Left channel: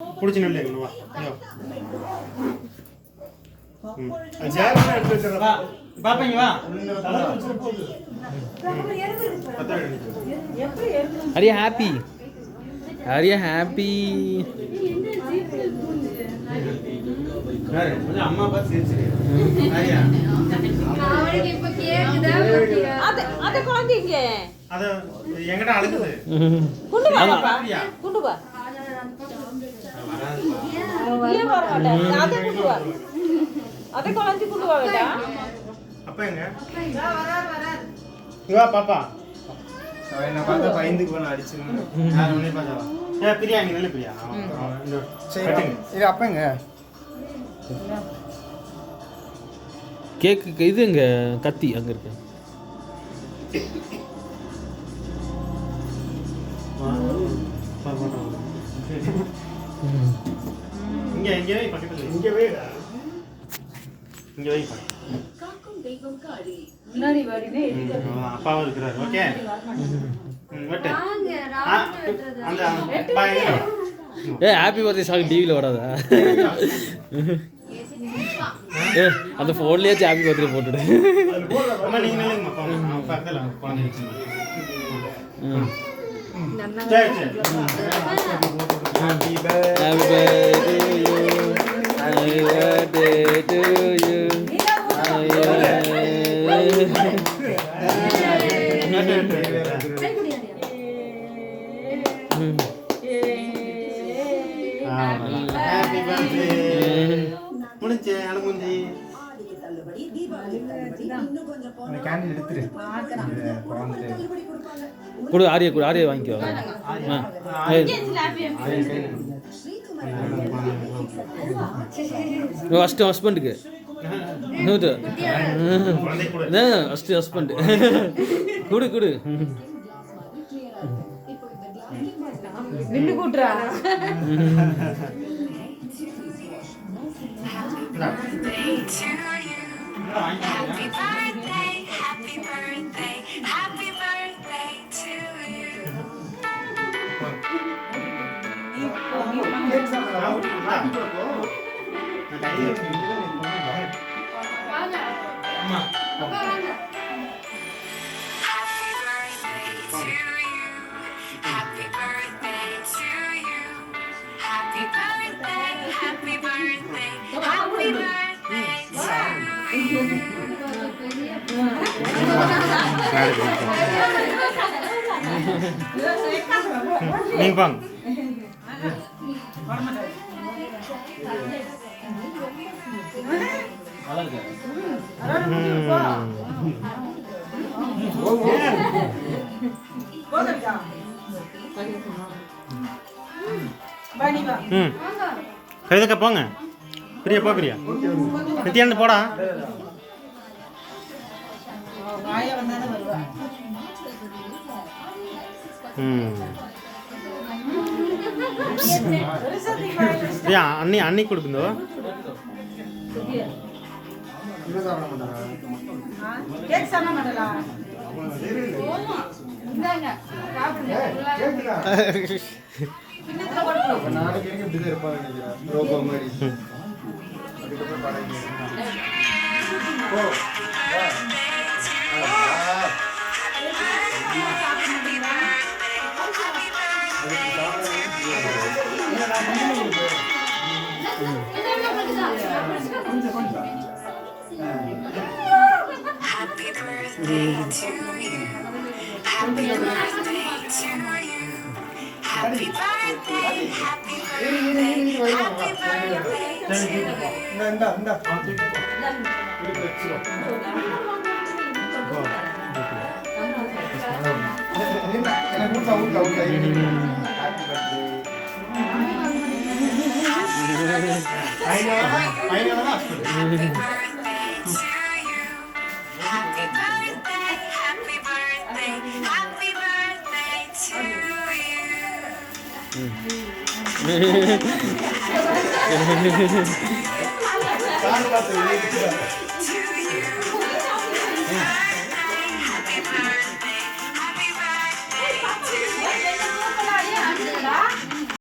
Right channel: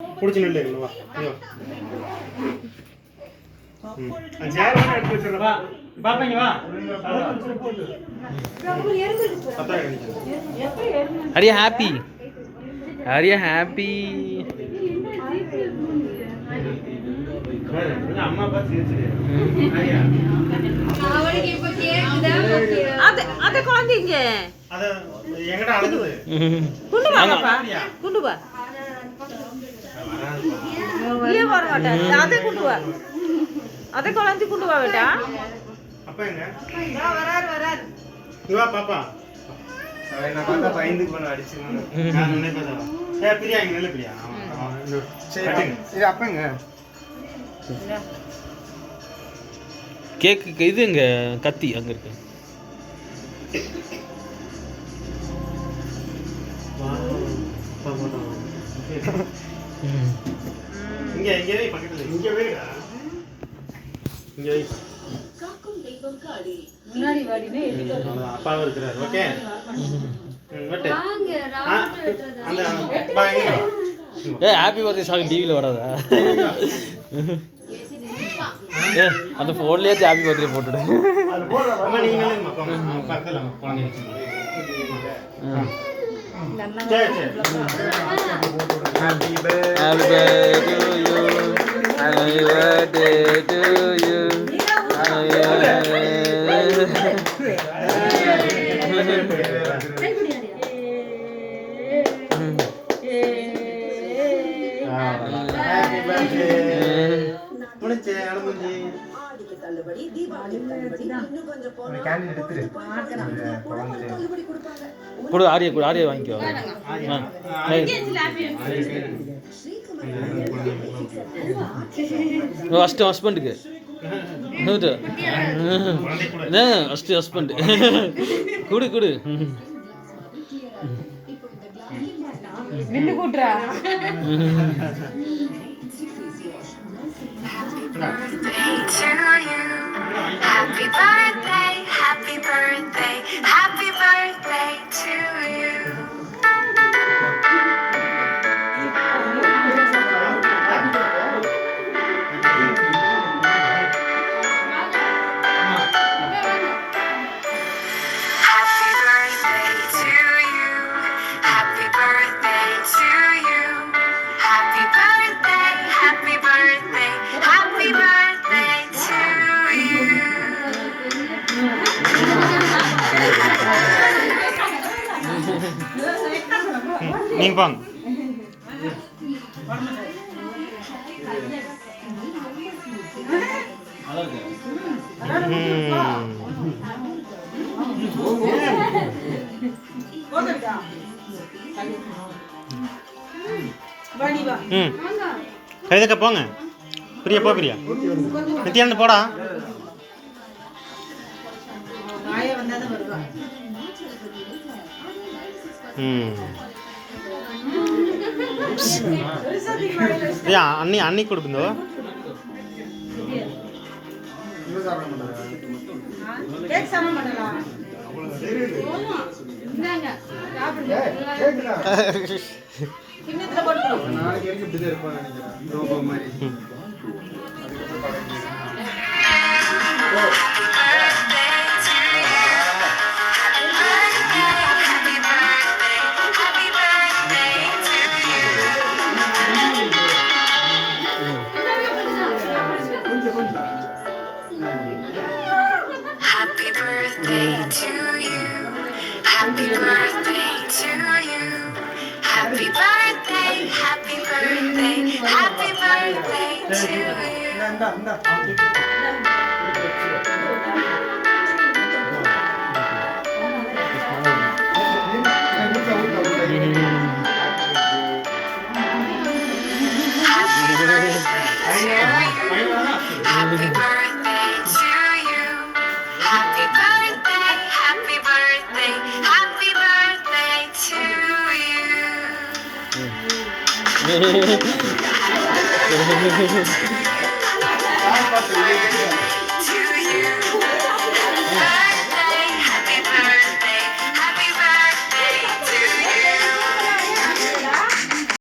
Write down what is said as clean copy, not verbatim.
பிடிச்சி நில்லு வா ஐயோ பாப்பாங்க வா அரியா ஹாப்பி அரியா ஹாப்பி அம்மா பார்த்து சிரிச்சு அரியா அவளுக்கு இப்ப கேக்குதா அத குழந்தைங்க அத எங்கடா அழுகுது குண்டு வா ஏன் வர மாட்டேன் அத குண்டு வா அத குழந்தை குண்டு வா बेटा அப்பா எங்க வரார் இவா பாப்பா நான் பார்த்தா பயந்துக்கு போன அடிச்சு நான் உன்னை பார்த்தா பிரியா இங்க நல்ல பிரியா சரி இது அப்பா எங்க கேக்கு இது இங்க கத்தி அங்க இருக்கு இங்க இங்க வை பக்கத்துல இங்க வைடா இங்க வை முன்னாடி வாடிவே அப்பா இருக்கிறார் ஓகே வெட்டு வாங்க ராவுண்ட் வெட்றது அந்த அப்பா எங்க ஏ ஹாப்பி பர்த்டே சாங் டிவில வராதா ஏ அந்த ஃபோன்லயே ஹாப்பி பர்த்டே போட்டுடு அது போடுற அம்மா நீங்க நல்ல அப்பா அக்கல குழந்தைங்க சரி சரி happy birthday to you happy birthday to you happy birthday முடிஞ்சே அனுமதி கேண்டில் எடுத்துரு கொடு ஆரியா வாங்கிக்கோ ஃபஸ்ட்டு ஹஸ்பண்டுக்கு ஃபஸ்ட்டு ஹஸ்பண்ட் கொடு வில்லு கூட்டுறா Happy birthday, happy birthday, happy birthday to you. Happy birthday to you. Happy birthday to you. Happy birthday, happy birthday, happy birthday to you. நீங்க பாங்க கழுதக்க போங்க பிரியா போ பிரியா நித்யானந்து போடா அன்னி கொடுக்குந்தோ Happy birthday to you. Happy birthday to you. Happy birthday, happy birthday, happy birthday to you. Happy birthday to you. Happy birthday, happy birthday, happy birthday to you. To you.